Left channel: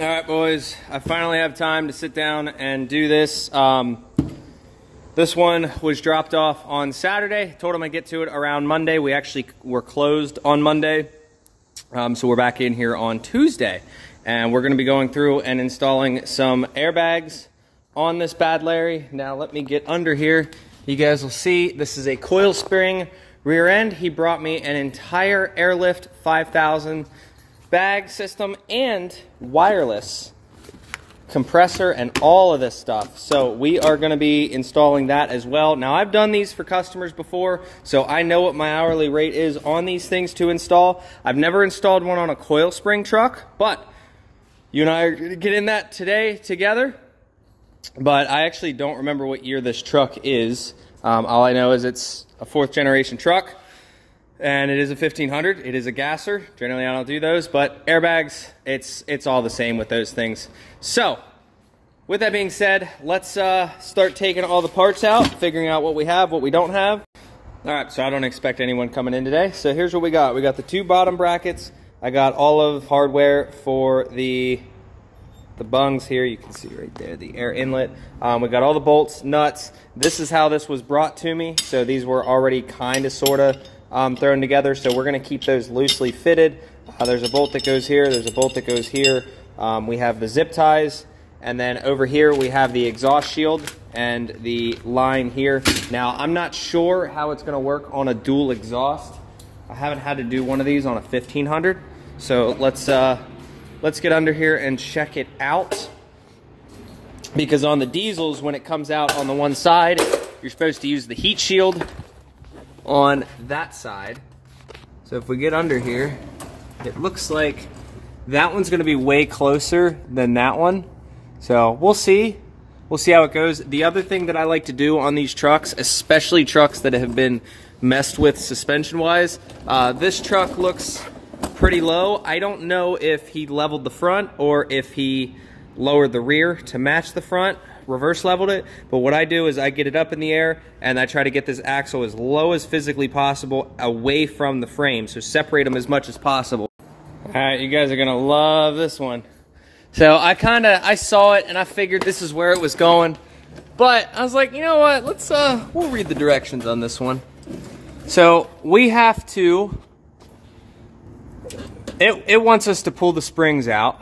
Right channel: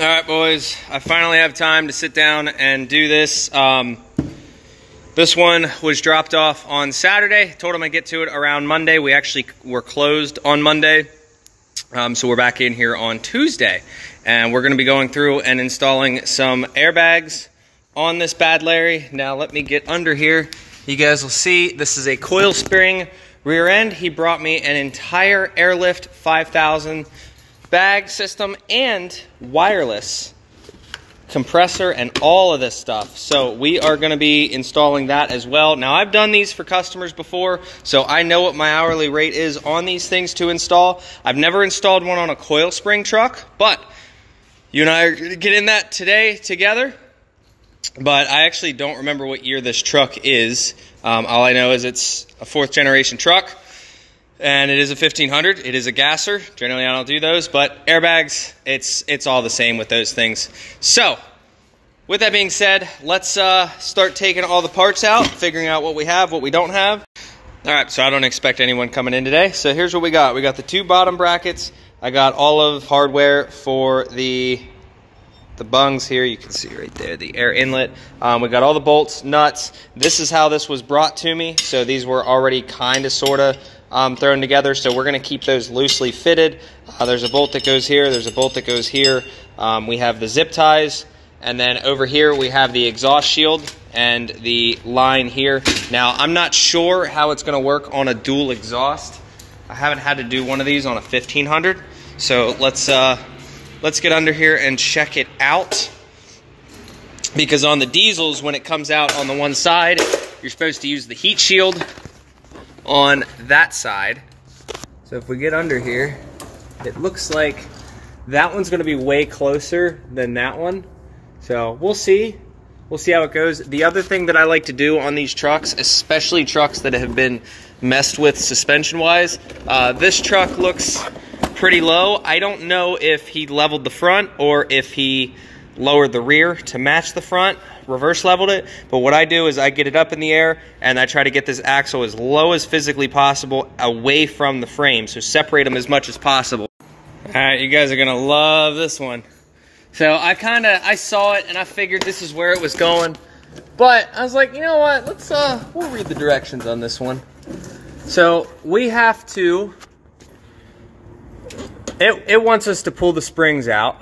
All right, boys, I finally have time to sit down and do this. This one was dropped off on Saturday. Told him I'd get to it around Monday. We actually were closed on Monday. So we're back in here on Tuesday. And we're gonna be going through and installing some airbags on this bad Larry. Now let me get under here. You guys will see this is a coil spring rear end. He brought me an entire AirLift 5000 bag system and wireless compressor and all of this stuff. So we are going to be installing that as well. Now I've done these for customers before, so I know what my hourly rate is on these things to install. I've never installed one on a coil spring truck, but you and I are going to get in that today together. But I actually don't remember what year this truck is. All I know is it's a 4th generation truck. And it is a 1500. It is a gasser. Generally, I don't do those, but airbags, it's all the same with those things. So, with that being said, let's start taking all the parts out, figuring out what we have, what we don't have. All right, so I don't expect anyone coming in today. So here's what we got. We got the 2 bottom brackets. I got all of hardware for the bungs here. You can see right there, the air inlet. We got all the bolts, nuts. This is how this was brought to me. So these were already kind of, sort of, thrown together, so we're going to keep those loosely fitted. There's a bolt that goes here, there's a bolt that goes here. We have the zip ties, and then over here we have the exhaust shield and the line here. Now I'm not sure how it's going to work on a dual exhaust. I haven't had to do one of these on a 1500, so let's get under here and check it out. Because on the diesels, when it comes out on the one side, you're supposed to use the heat shield on that side. So if we get under here, it looks like that one's going to be way closer than that one. So we'll see how it goes. The other thing that I like to do on these trucks, especially trucks that have been messed with suspension wise, this truck looks pretty low. I don't know if he leveled the front or if he lowered the rear to match the front, reverse leveled it. But what I do is I get it up in the air and I try to get this axle as low as physically possible away from the frame, so separate them as much as possible. All right, you guys are gonna love this one. So I saw it and I figured this is where it was going, but I was like, you know what, we'll read the directions on this one. So we have to, it wants us to pull the springs out.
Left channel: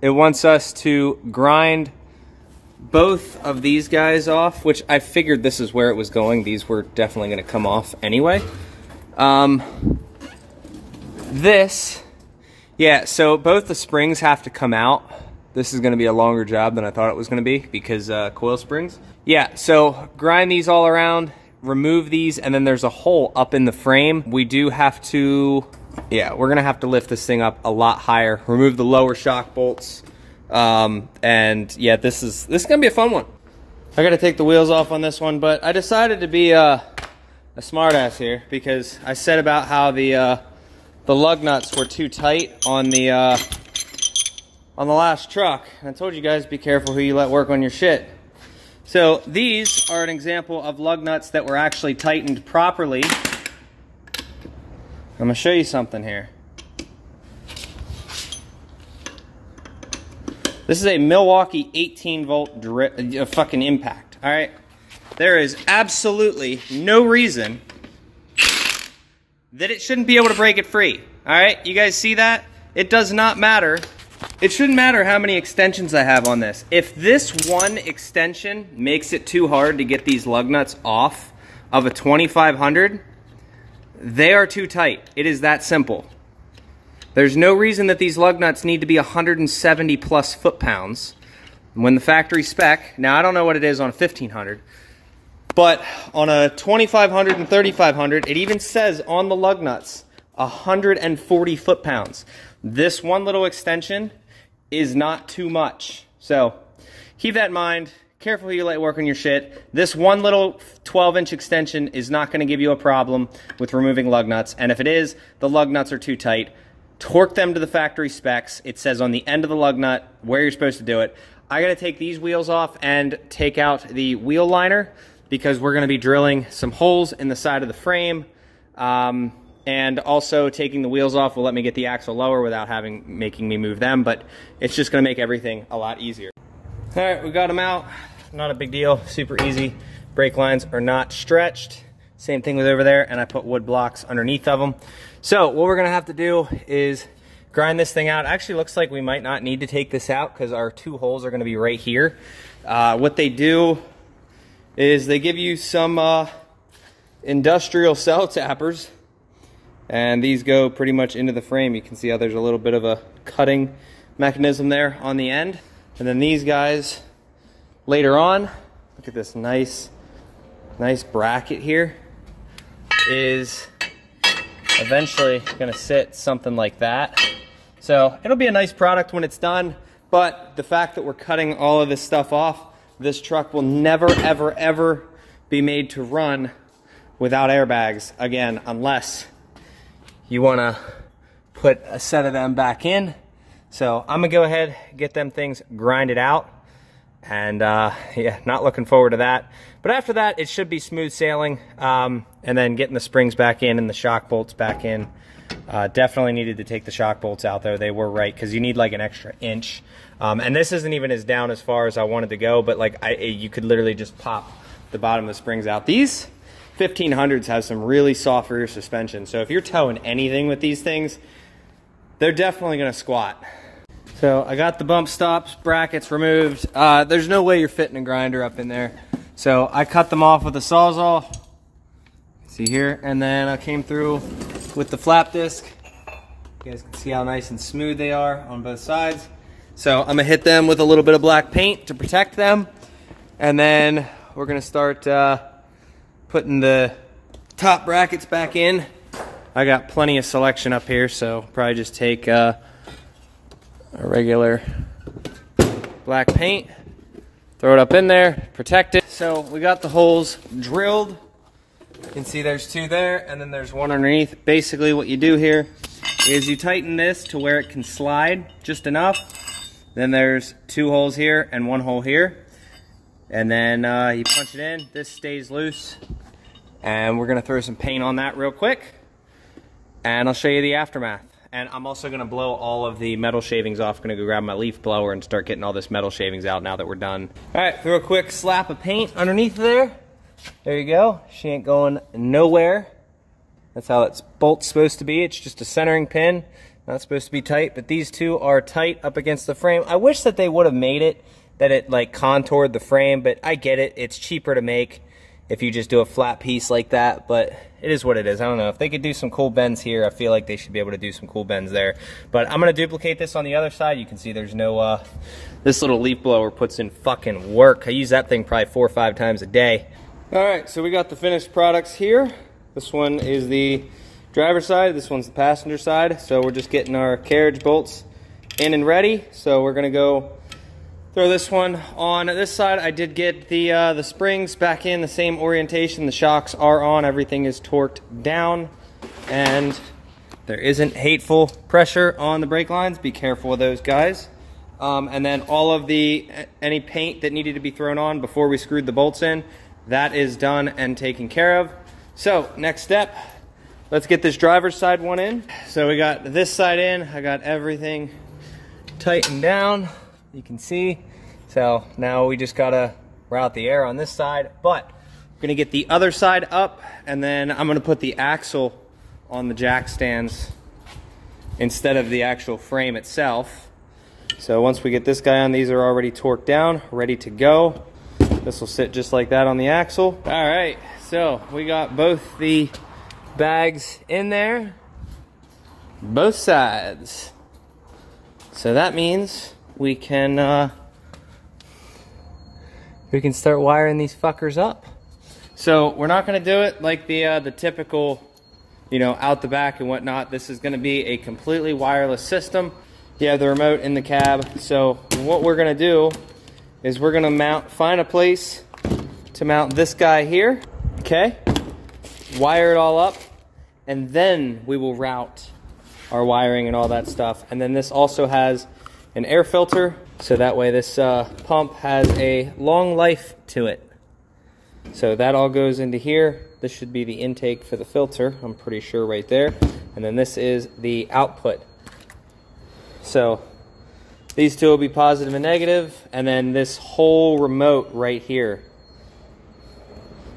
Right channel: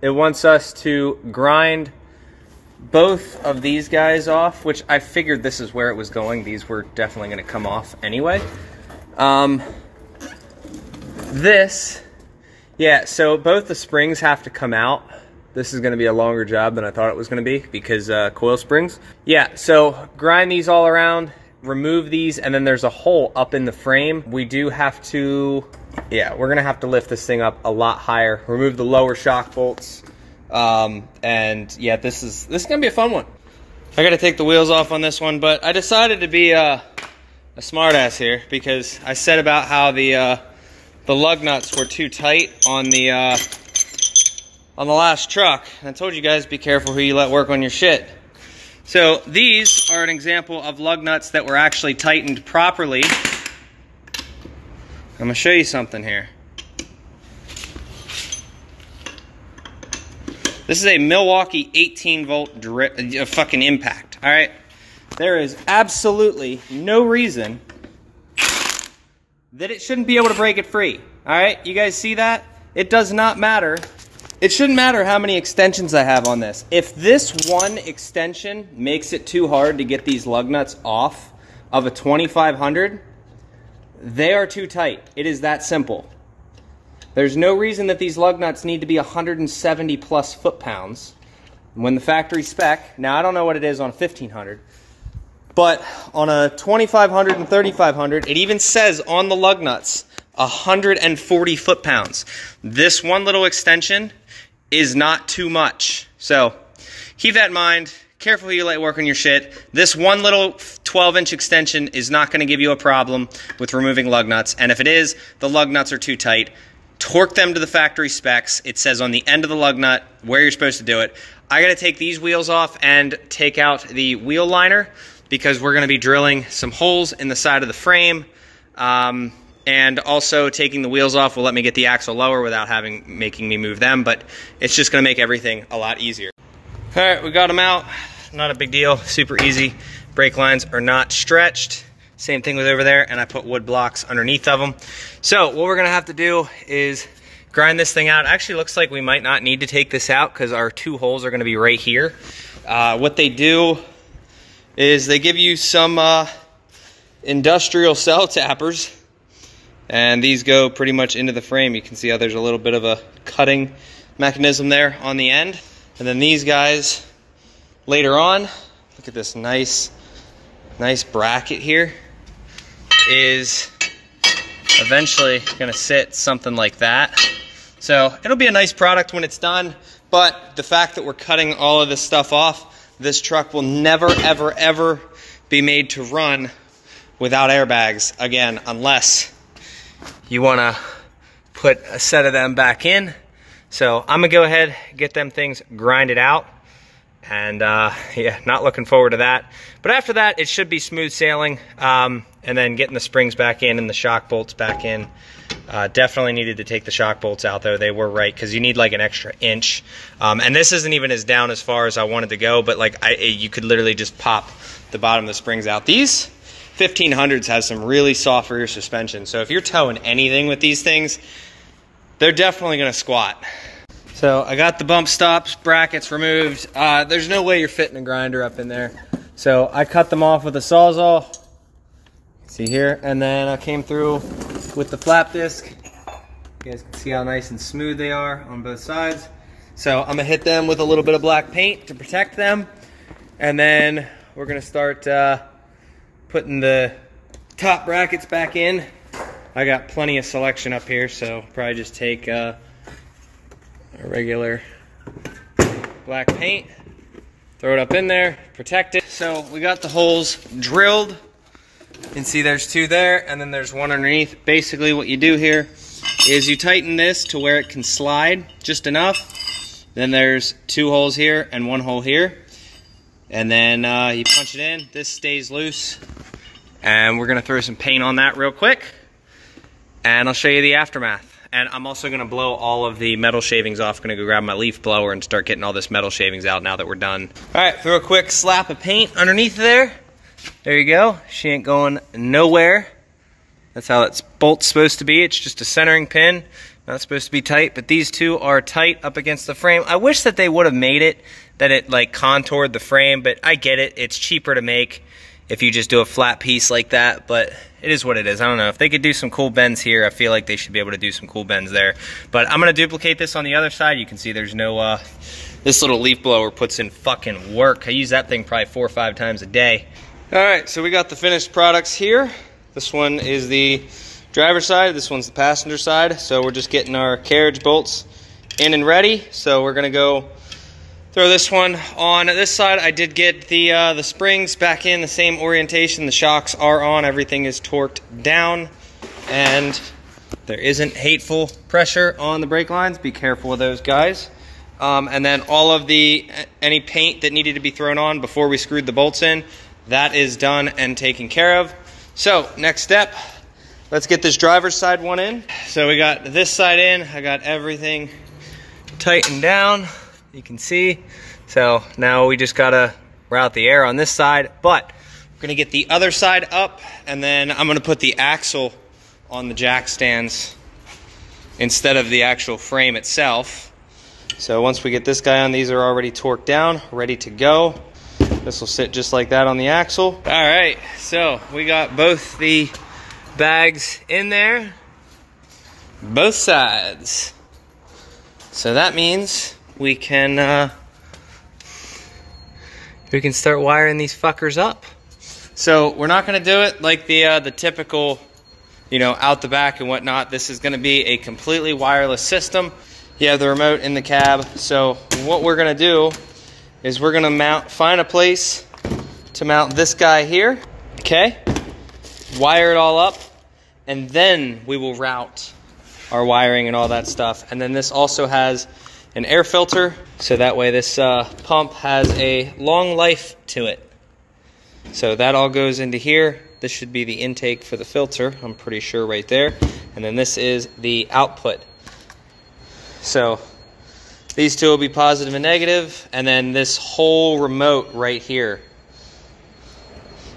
It wants us to grind both of these guys off, which I figured this is where it was going. These were definitely going to come off anyway. So both the springs have to come out. This is going to be a longer job than I thought it was going to be because coil springs. Yeah, so grind these all around, remove these, and then there's a hole up in the frame. We do have to, yeah, we're going to have to lift this thing up a lot higher, remove the lower shock bolts. And yeah, this is gonna be a fun one. I gotta take the wheels off on this one, but I decided to be a smart ass here because I said about how the lug nuts were too tight on the last truck. And I told you guys, be careful who you let work on your shit. So these are an example of lug nuts that were actually tightened properly. I'm gonna show you something here. This is a Milwaukee 18-volt fucking impact, all right? There is absolutely no reason that it shouldn't be able to break it free, all right? You guys see that? It does not matter. It shouldn't matter how many extensions I have on this. If this one extension makes it too hard to get these lug nuts off of a 2500, they are too tight. It is that simple. There's no reason that these lug nuts need to be 170 plus foot-pounds when the factory spec, now I don't know what it is on a 1500, but on a 2500 and 3500, it even says on the lug nuts 140 foot-pounds. This one little extension is not too much. So keep that in mind. Careful who you let work on your shit. This one little 12-inch extension is not going to give you a problem with removing lug nuts, and if it is, the lug nuts are too tight. Torque them to the factory specs. It says on the end of the lug nut where you're supposed to do it. I got to take these wheels off and take out the wheel liner because we're going to be drilling some holes in the side of the frame. and also taking the wheels off will let me get the axle lower without making me move them, but it's just gonna make everything a lot easier. All right, we got them out. Not a big deal, super easy. Brake lines are not stretched. Same thing with over there, and I put wood blocks underneath of them. So what we're gonna have to do is grind this thing out. Actually looks like we might not need to take this out because our 2 holes are gonna be right here. What they do is they give you some industrial cell tappers, and these go pretty much into the frame. You can see how there's a little bit of a cutting mechanism there on the end. And then these guys later on, look at this nice bracket here, is eventually gonna sit something like that. So it'll be a nice product when it's done, but the fact that we're cutting all of this stuff off, this truck will never, ever, ever be made to run without airbags again, unless you wanna put a set of them back in. So I'm gonna go ahead, get them things grinded out, and yeah, not looking forward to that. But after that, it should be smooth sailing, and then getting the springs back in and the shock bolts back in. Definitely needed to take the shock bolts out though. They were right, because you need like an extra inch. And this isn't even as down as far as I wanted to go, but like you could literally just pop the bottom of the springs out. These 1500s has some really soft rear suspension. So if you're towing anything with these things, they're definitely gonna squat. So I got the bump stops, brackets removed. There's no way you're fitting a grinder up in there. So I cut them off with a Sawzall. See here, and then I came through with the flap disc. You guys can see how nice and smooth they are on both sides. So I'm gonna hit them with a little bit of black paint to protect them. And then we're gonna start putting the top brackets back in. I got plenty of selection up here, so probably just take a regular black paint, throw it up in there, protect it. So we got the holes drilled. You can see there's 2 there, and then there's 1 underneath. Basically what you do here is you tighten this to where it can slide just enough. Then there's 2 holes here and 1 hole here. And then you punch it in, this stays loose. And we're gonna throw some paint on that real quick, and I'll show you the aftermath. And I'm also gonna blow all of the metal shavings off. Gonna go grab my leaf blower and start getting all this metal shavings out now that we're done. All right, throw a quick slap of paint underneath there. There you go, she ain't going nowhere. That's how that bolt's supposed to be. It's just a centering pin, not supposed to be tight, but these 2 are tight up against the frame. I wish that they would have made it, that it like contoured the frame, but I get it, it's cheaper to make if you just do a flat piece like that, but it is what it is. I don't know, if they could do some cool bends here, I feel like they should be able to do some cool bends there. But I'm gonna duplicate this on the other side. You can see there's no, this little leaf blower puts in fucking work. I use that thing probably 4 or 5 times a day. All right, so we got the finished products here. This one is the driver's side, this one's the passenger side. So we're just getting our carriage bolts in and ready. So we're gonna go throw this one on this side. I did get the springs back in the same orientation. The shocks are on, everything is torqued down, and there isn't hateful pressure on the brake lines. Be careful with those guys. And then all of any paint that needed to be thrown on before we screwed the bolts in, that is done and taken care of. So next step, let's get this driver's side one in. So we got this side in, I got everything tightened down, you can see. So now we just gotta route the air on this side, but we're gonna get the other side up, and then I'm gonna put the axle on the jack stands instead of the actual frame itself. So once we get this guy on, these are already torqued down, ready to go. This will sit just like that on the axle. All right, so we got both the bags in there, both sides. So that means we can start wiring these fuckers up. So we're not gonna do it like the typical, you know, out the back and whatnot. This is gonna be a completely wireless system. You have the remote in the cab. So what we're gonna do is we're gonna find a place to mount this guy here, okay? Wire it all up, and then we will route our wiring and all that stuff. And then this also has an air filter, so that way this pump has a long life to it. So that all goes into here, This should be the intake for the filter, I'm pretty sure right there. And then this is the output. So these two will be positive and negative, and then this whole remote right here,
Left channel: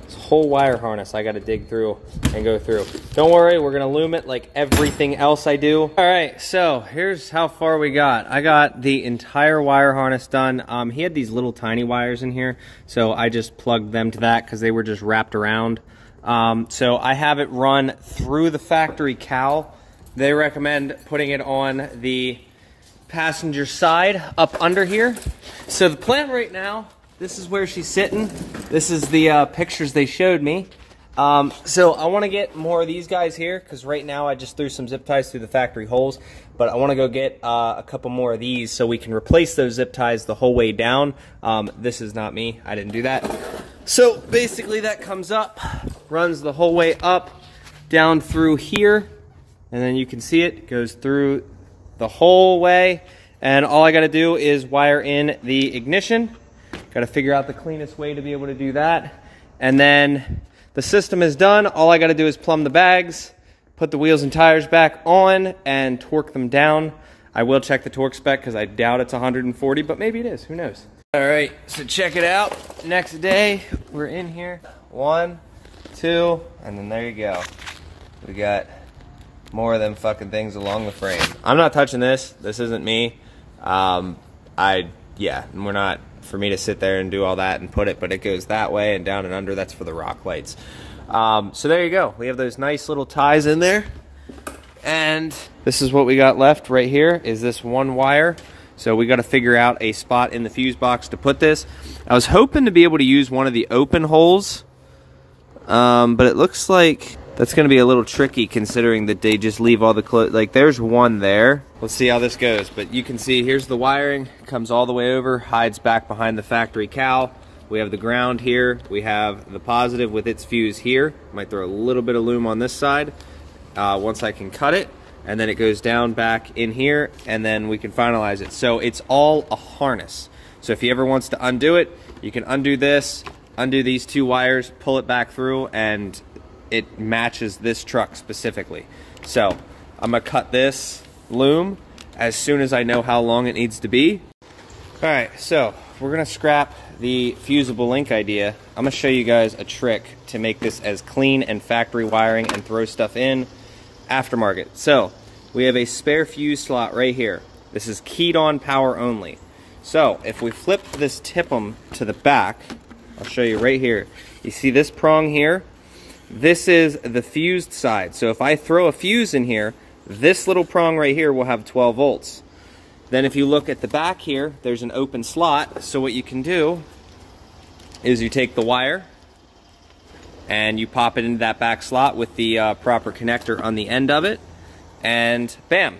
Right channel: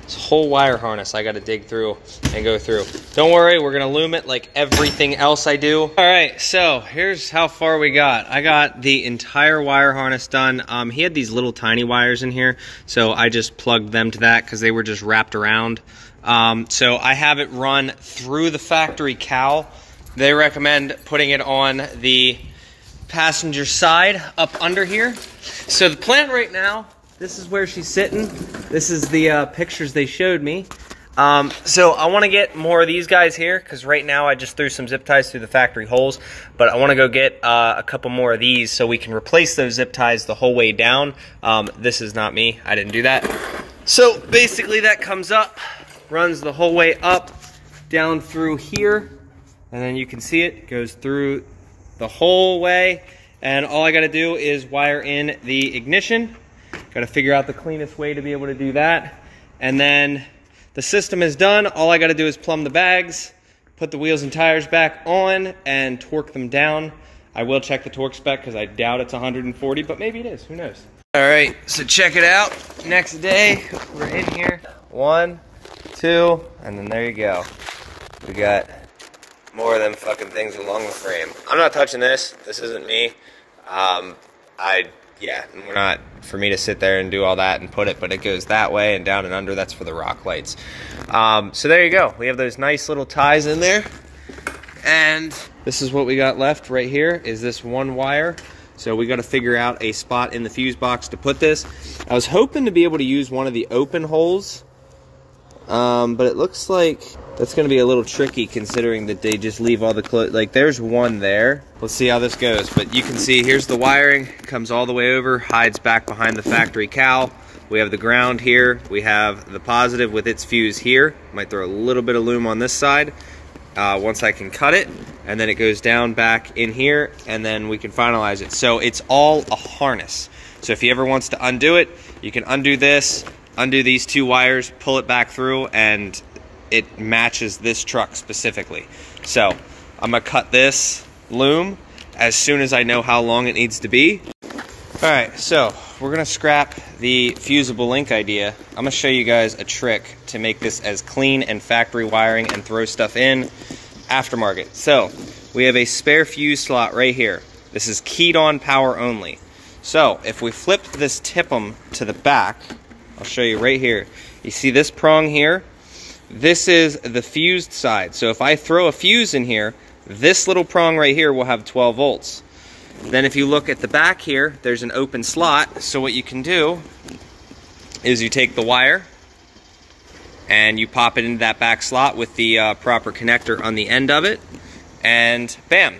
this whole wire harness I got to dig through and go through. Don't worry, we're going to loom it like everything else I do. All right, so here's how far we got. I got the entire wire harness done. He had these little tiny wires in here, so I just plugged them to that because they were just wrapped around. So I have it run through the factory cowl. They recommend putting it on the passenger side up under here. So the plan right now, this is where she's sitting. This is the pictures they showed me. So I want to get more of these guys here because right now I just threw some zip ties through the factory holes, but I want to go get a couple more of these so we can replace those zip ties the whole way down. This is not me, I didn't do that. So basically that comes up, runs the whole way up, down through here, and then you can see it goes through the whole way, and all I got to do is wire in the ignition. Got to figure out the cleanest way to be able to do that, and then the system is done. All I got to do is plumb the bags, put the wheels and tires back on, and torque them down. I will check the torque spec because I doubt it's 140, but maybe it is, who knows. All right, so check it out. Next day, we're in here. 1, 2, and then there you go. We got more of them fucking things along the frame. I'm not touching this. This isn't me. Yeah, we're not for me to sit there and do all that and put it, but it goes that way and down and under. That's for the rock lights. So there you go. We have those nice little ties in there. And this is what we got left right here is this one wire. So we got to figure out a spot in the fuse box to put this. I was hoping to be able to use one of the open holes, but it looks like that's going to be a little tricky considering that they just leave all the clothes. Like there's one there. Let's see how this goes. But you can see here's the wiring. Comes all the way over, hides back behind the factory cowl. We have the ground here. We have the positive with its fuse here. Might throw a little bit of loom on this side once I can cut it. And then it goes down back in here, and then we can finalize it. So it's all a harness. So if he ever wants to undo it, you can undo this, undo these two wires, pull it back through, and it matches this truck specifically. So I'm gonna cut this loom as soon as I know how long it needs to be. All right, so we're gonna scrap the fusible link idea. I'm gonna show you guys a trick to make this as clean and factory wiring and throw stuff in aftermarket. So we have a spare fuse slot right here. This is keyed on power only. So if we flip this tip'em to the back, I'll show you right here. You see this prong here? This is the fused side. So if I throw a fuse in here, this little prong right here will have 12 volts. Then if you look at the back here, there's an open slot. So what you can do is you take the wire and you pop it into that back slot with the proper connector on the end of it, and bam,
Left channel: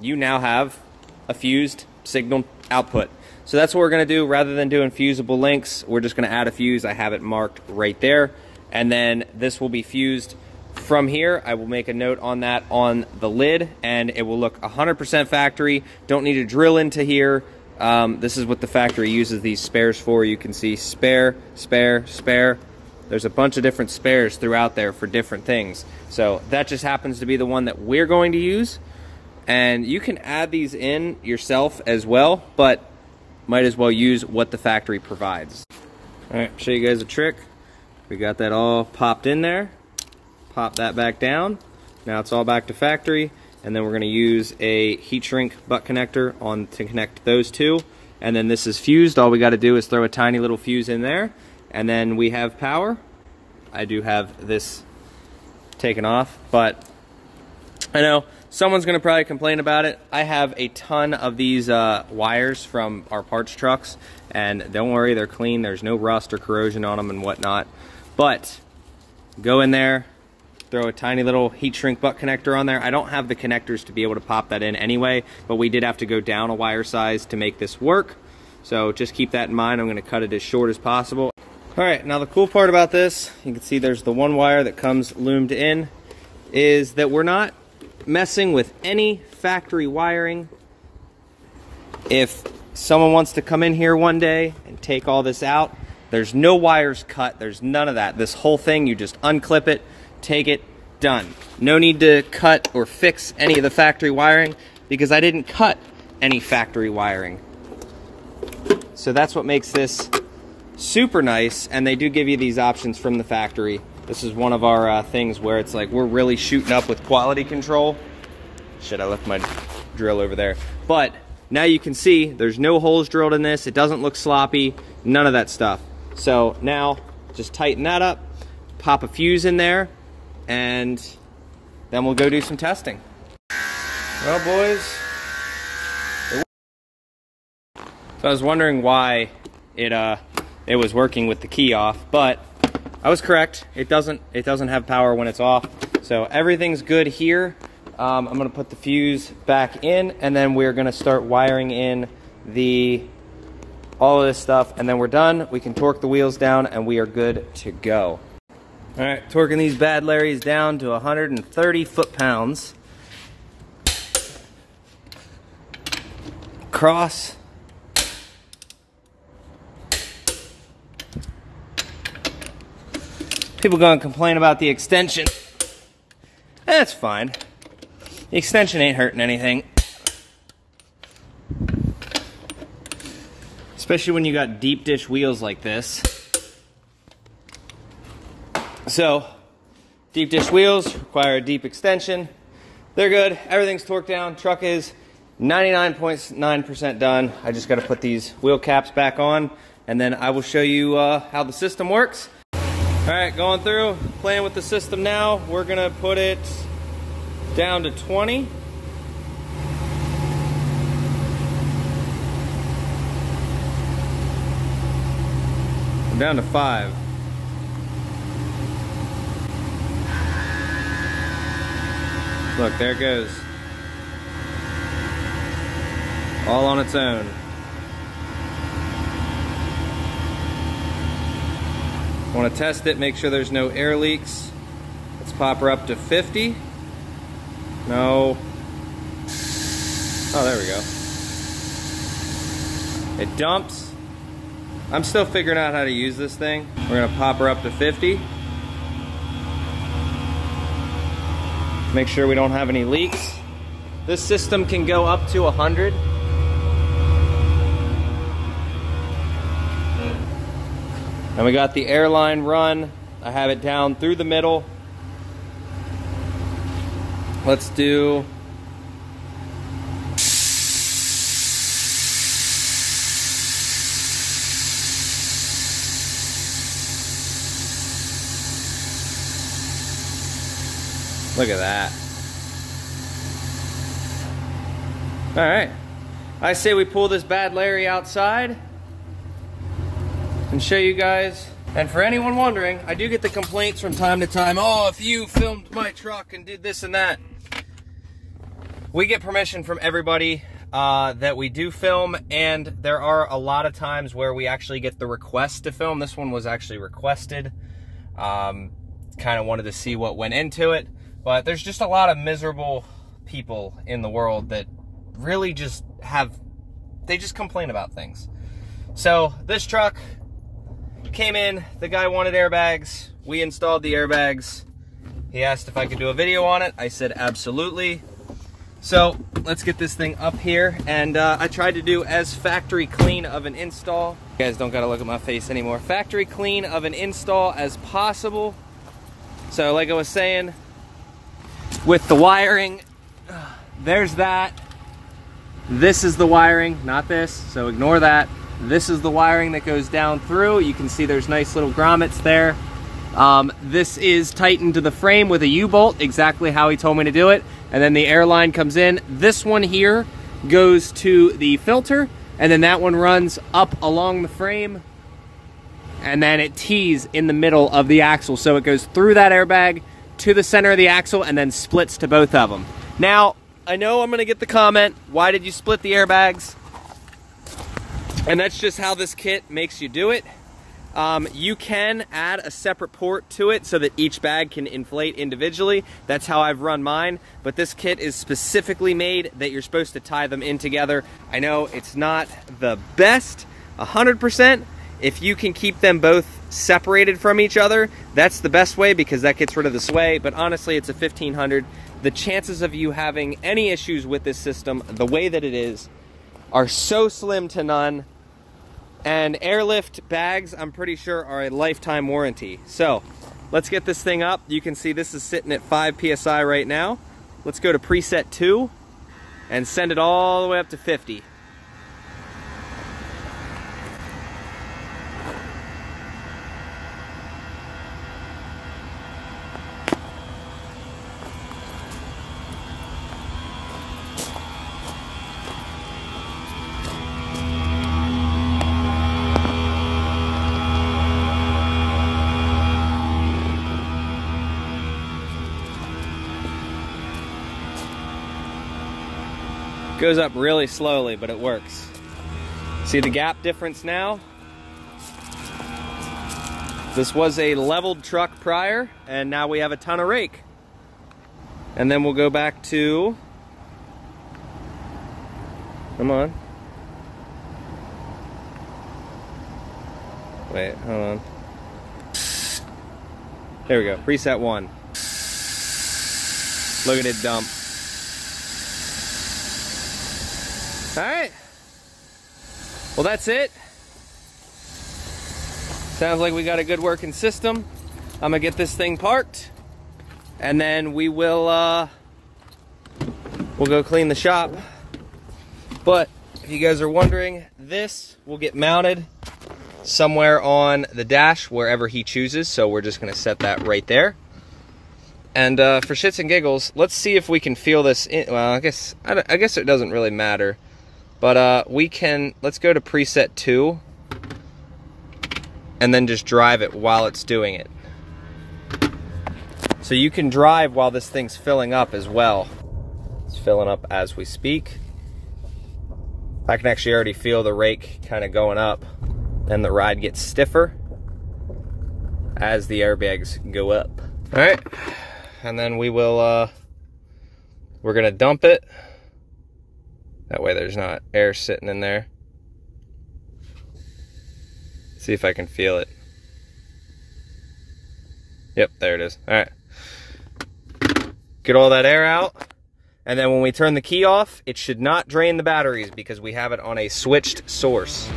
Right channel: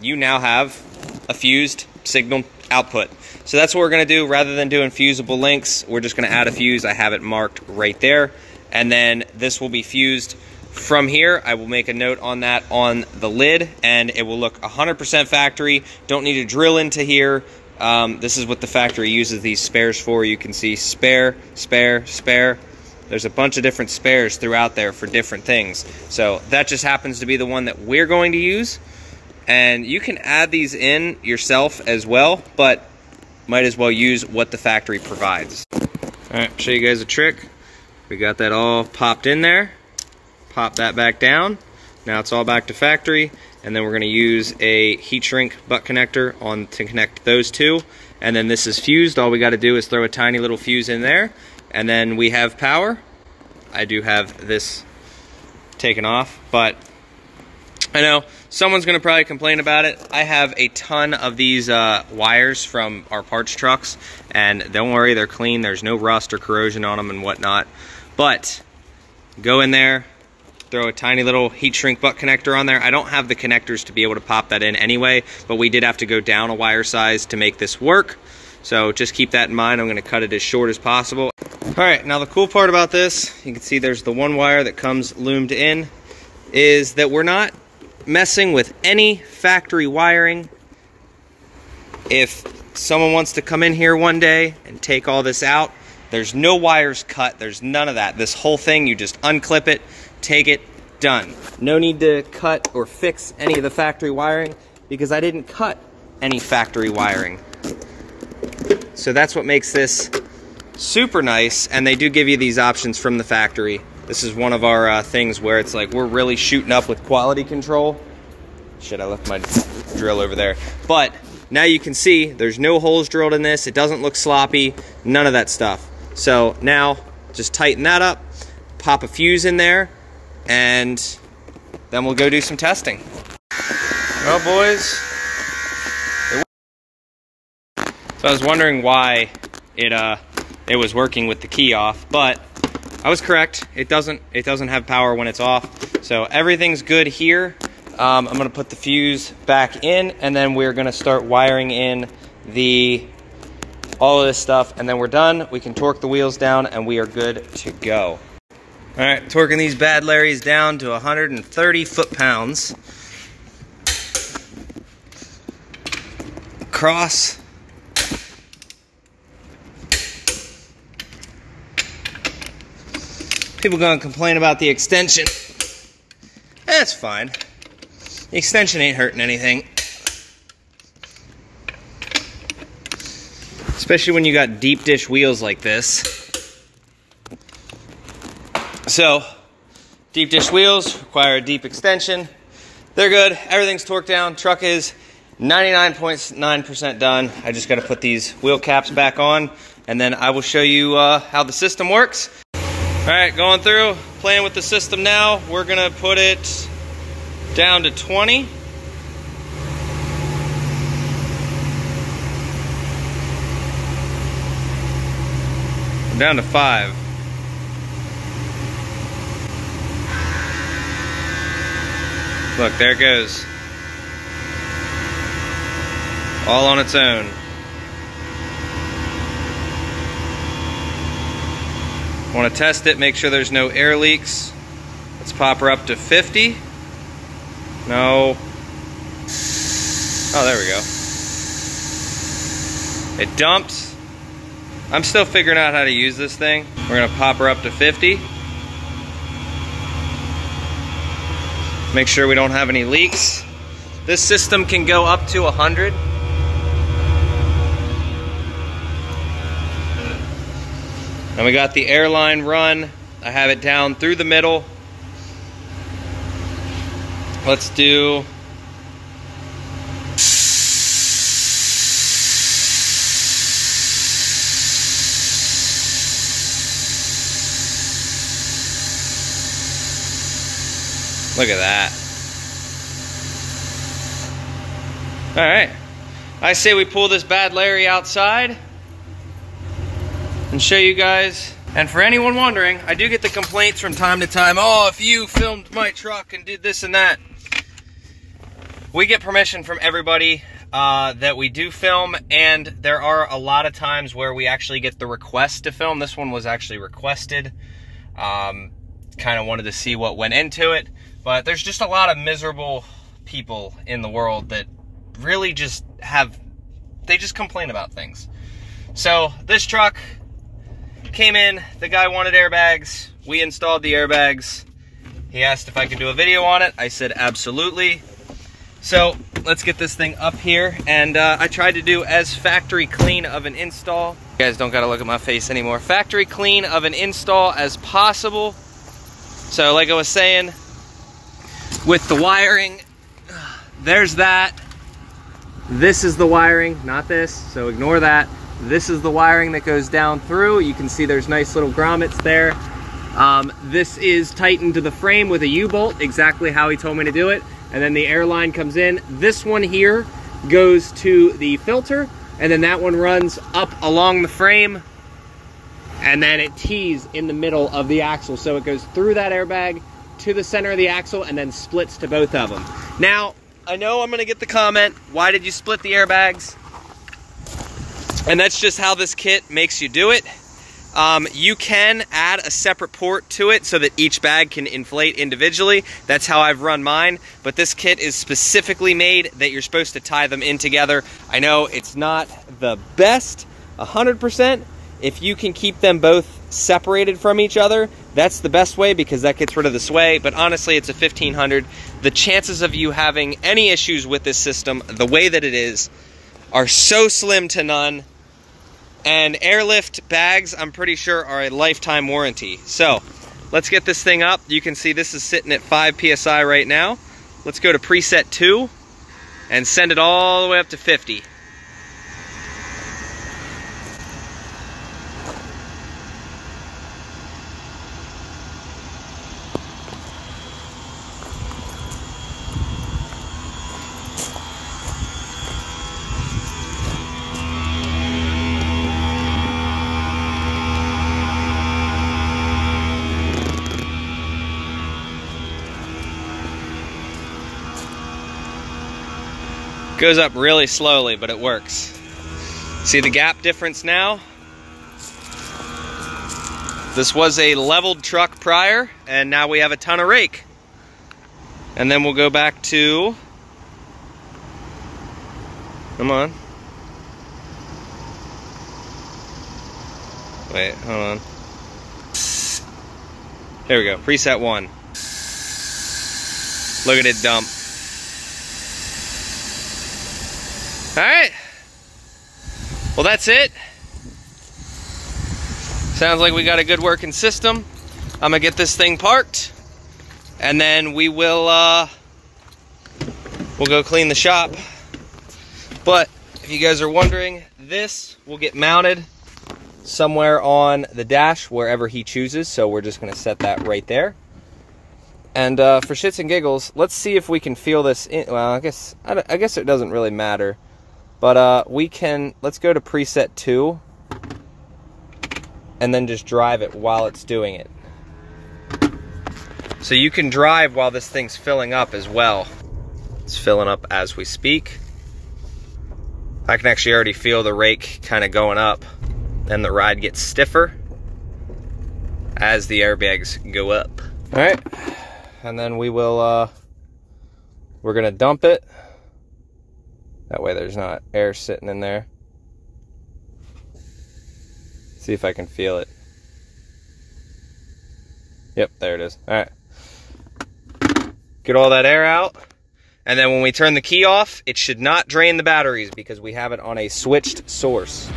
you now have a fused signal output. So that's what we're gonna do. Rather than doing fusible links, we're just gonna add a fuse. I have it marked right there, and then this will be fused from here. I will make a note on that on the lid, and it will look 100% factory. Don't need to drill into here. This is what the factory uses these spares for. You can see spare, spare, spare. There's a bunch of different spares throughout there for different things. So that just happens to be the one that we're going to use. And you can add these in yourself as well, but might as well use what the factory provides. All right, show you guys a trick. We got that all popped in there. Pop that back down. Now it's all back to factory. And then we're gonna use a heat shrink butt connector on to connect those two. And then this is fused. All we gotta do is throw a tiny little fuse in there, and then we have power. I do have this taken off, but I know someone's gonna probably complain about it. I have a ton of these wires from our parts trucks, and don't worry, they're clean. There's no rust or corrosion on them and whatnot. But go in there, throw a tiny little heat shrink butt connector on there. I don't have the connectors to be able to pop that in anyway, but we did have to go down a wire size to make this work. So just keep that in mind. I'm gonna cut it as short as possible. All right, now the cool part about this, you can see there's the one wire that comes loomed in, is that we're not messing with any factory wiring. If someone wants to come in here one day and take all this out, There's no wires cut. There's none of that. This whole thing, you just unclip it, take it, done. No need to cut or fix any of the factory wiring because I didn't cut any factory wiring. So that's what makes this super nice, and they do give you these options from the factory. This is one of our things where it's like we're really shooting up with quality control. Shit, I left my drill over there. But now you can see there's no holes drilled in this. It doesn't look sloppy, none of that stuff. So now just tighten that up, pop a fuse in there, and then we'll go do some testing. Well, boys, so I was wondering why it was working with the key off, but I was correct. It doesn't have power when it's off. So everything's good here. I'm gonna put the fuse back in, and then we're gonna start wiring in all of this stuff, and then we're done. We can torque the wheels down, and we are good to go. All right, torquing these bad Larrys down to 130 foot-pounds. Cross. People gonna complain about the extension. That's fine. The extension ain't hurting anything. Especially when you got deep dish wheels like this. So, deep dish wheels require a deep extension. They're good, everything's torqued down. Truck is 99.9% done. I just gotta put these wheel caps back on, and then I will show you how the system works. All right, going through, playing with the system now. We're gonna put it down to 20. I'm down to 5. Look, there it goes. All on its own. Want to test it, make sure there's no air leaks. Let's pop her up to 50. No. Oh, there we go. It dumps. I'm still figuring out how to use this thing. We're gonna pop her up to 50. Make sure we don't have any leaks. This system can go up to 100. And we got the airline run. I have it down through the middle. Let's do look at that. All right. I say we pull this bad Larry outside and show you guys. And for anyone wondering, I do get the complaints from time to time, oh, if you filmed my truck and did this and that. We get permission from everybody that we do film, and there are a lot of times where we actually get the request to film. This one was actually requested. Kind of wanted to see what went into it, but there's just a lot of miserable people in the world that really just they just complain about things. So this truck came in, the guy wanted airbags, we installed the airbags. He asked if I could do a video on it. I said absolutely. So let's get this thing up here, and I tried to do as factory clean of an install. You guys don't gotta look at my face anymore. Factory clean of an install as possible. So like I was saying, with the wiring, there's that. This is the wiring, not this, so ignore that. This is the wiring that goes down through. You can see there's nice little grommets there. This is tightened to the frame with a U-bolt, exactly how he told me to do it. And then the air line comes in. This one here goes to the filter, and then that one runs up along the frame, and then it tees in the middle of the axle. So it goes through that airbag to the center of the axle and then splits to both of them. Now, I know I'm gonna get the comment, why did you split the airbags? And that's just how this kit makes you do it. You can add a separate port to it so that each bag can inflate individually. That's how I've run mine, but this kit is specifically made that you're supposed to tie them in together. I know it's not the best, 100%. If you can keep them both separated from each other, that's the best way, because that gets rid of the sway. But honestly, it's a 1500. The chances of you having any issues with this system, the way that it is, are so slim to none. And AirLift bags, I'm pretty sure, are a lifetime warranty. So let's get this thing up. You can see this is sitting at 5 PSI right now. Let's go to preset 2 and send it all the way up to 50. Goes up really slowly, but it works. See the gap difference now? This was a leveled truck prior, and now we have a ton of rake. And then we'll go back to, come on. Wait, hold on. There we go, preset 1. Look at it dump. All right, well, that's it. Sounds like we got a good working system. I'm gonna get this thing parked, and then we will we'll go clean the shop. But if you guys are wondering, this will get mounted somewhere on the dash wherever he chooses. So we're just gonna set that right there. And for shits and giggles, let's see if we can feel this in. Well, I guess it doesn't really matter. But we can, let's go to preset 2 and then just drive it while it's doing it. So you can drive while this thing's filling up as well. It's filling up as we speak. I can actually already feel the rake kind of going up, and the ride gets stiffer as the airbags go up. All right, and then we will, we're gonna dump it. That way there's not air sitting in there. See if I can feel it. Yep, there it is. All right. Get all that air out. And then when we turn the key off, it should not drain the batteries because we have it on a switched source.